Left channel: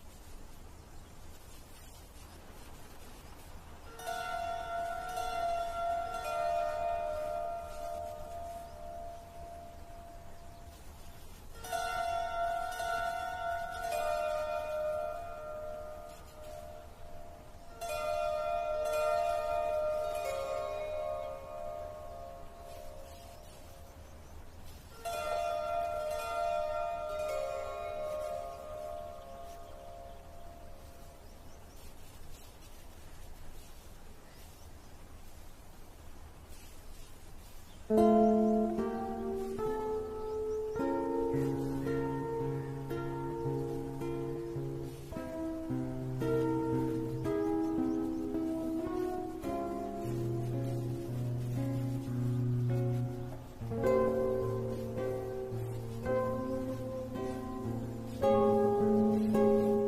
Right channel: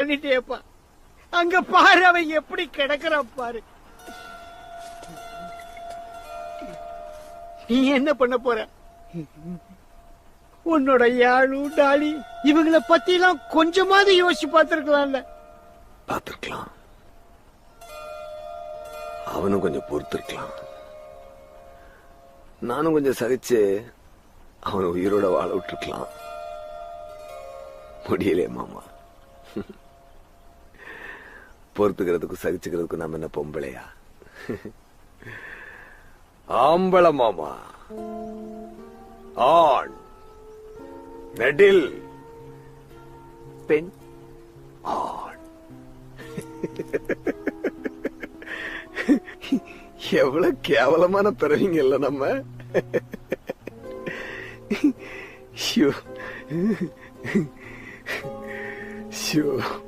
பண்ணிட்டேப்பா. அங்க பாரு அவன் எப்படி கிடக்குறான் பாரு. நீ என்ன பண்ண போற? உன்னோட யாழு டாலி இவங்களை பத்தி எல்லாம் கொஞ்சமாவது யோசிச்சு பார்த்திருக்கலாம்ல. பார்த்திருக்கலாம். அவனும் கொஞ்சம் பொறுத்திருக்கலாம். நானும் கொஞ்சம் சகிச்சு அவனை உயிரோட வாழ விட்டுருக்கலாம். முடியலையே மாமா. பொறுத்துக்கிறதுக்கும் சகிச்சுக்கிறதுக்கும் நம்ம என்ன பொம்பளையா? ஆம்பளை மாமா. ஆண் நெடில் பெண் ஆண். எவ்வளவு கேவலமான பிறவிங்க இல்ல நம்ம. ஐயோ.